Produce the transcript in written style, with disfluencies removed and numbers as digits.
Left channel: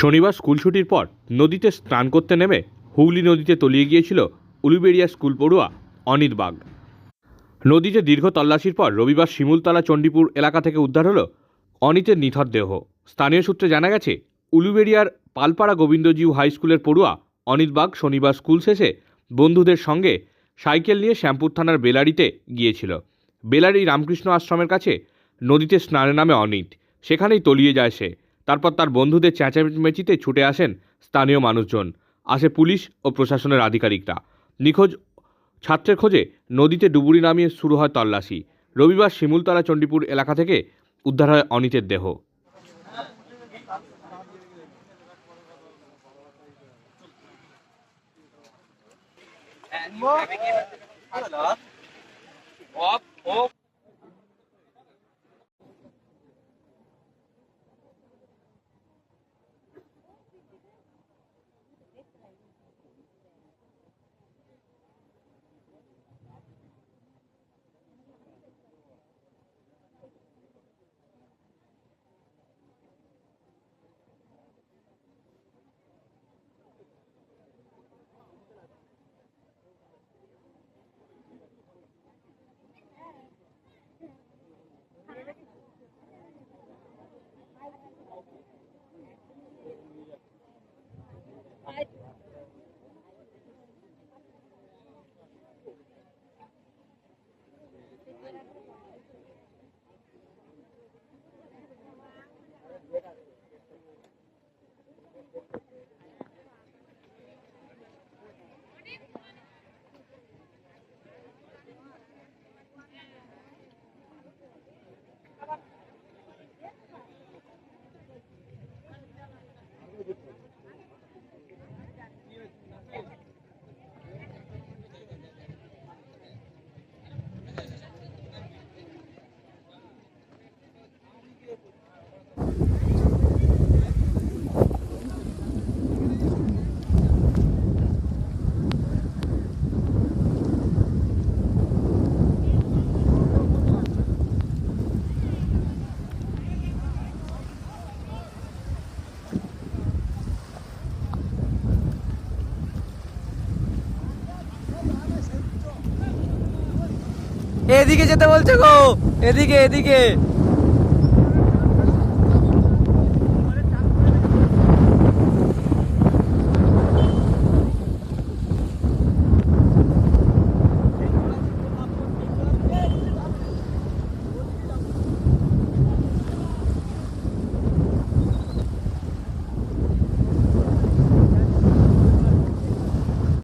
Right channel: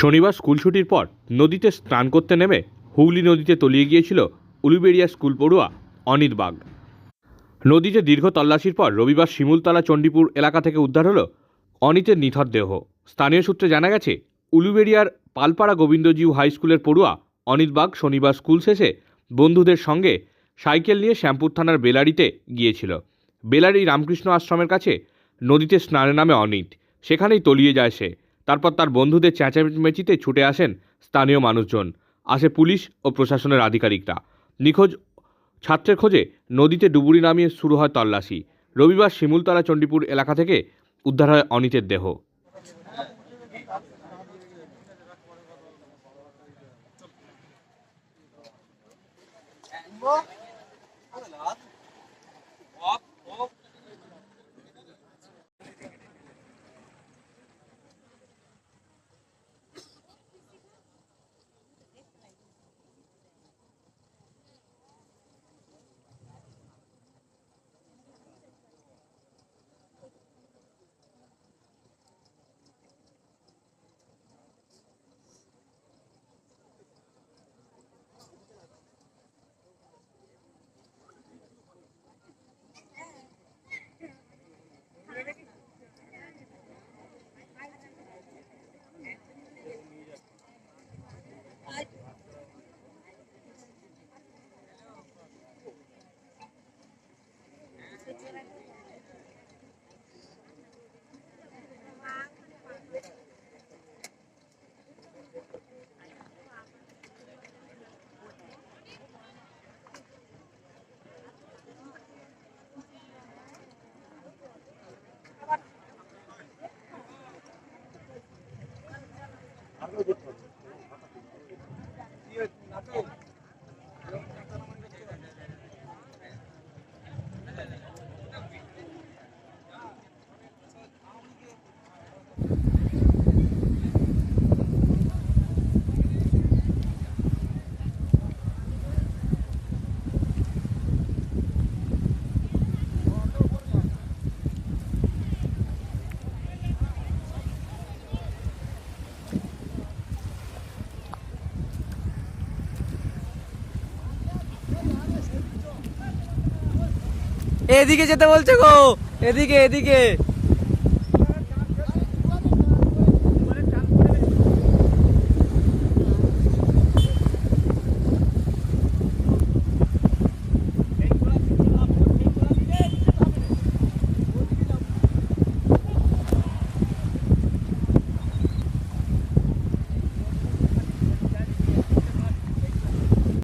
শনিবার স্কুল ছুটির পর নদীতে স্নান করতে নেমে হুগলি নদীতে তলিয়ে গিয়েছিল উলুবেড়িয়া স্কুল পড়ুয়া অনিত বাগ। নদীতে দীর্ঘ তল্লাশির পর রবিবার শিমুলতলা চণ্ডীপুর এলাকা থেকে উদ্ধার হলো অনিতের নিথর দেহ। স্থানীয় সূত্রে জানা গেছে, উলুবেড়িয়ার পালপাড়া গোবিন্দজিউ হাই স্কুলের পড়ুয়া অনিত বাগ শনিবার স্কুল শেষে বন্ধুদের সঙ্গে সাইকেল নিয়ে শ্যামপুর থানার বেলারিতে গিয়েছিল। বেলারি রামকৃষ্ণ আশ্রমের কাছে নদীতে স্নানে নামে অনিত। সেখানেই তলিয়ে যায় সে। তারপর তার বন্ধুদের চেঁচামেচিতে ছুটে আসেন স্থানীয় মানুষজন, আসে পুলিশ ও প্রশাসনের আধিকারিকরা। নিখোঁজ ছাত্রের খোঁজে নদীতে ডুবুরি নামিয়ে শুরু হয় তল্লাশি। রবিবার শিমুলতলা চণ্ডীপুর এলাকা থেকে উদ্ধার হয় অনিতের দেহ। এদিকে যেতে বলছে গো, এদিকে এদিকে।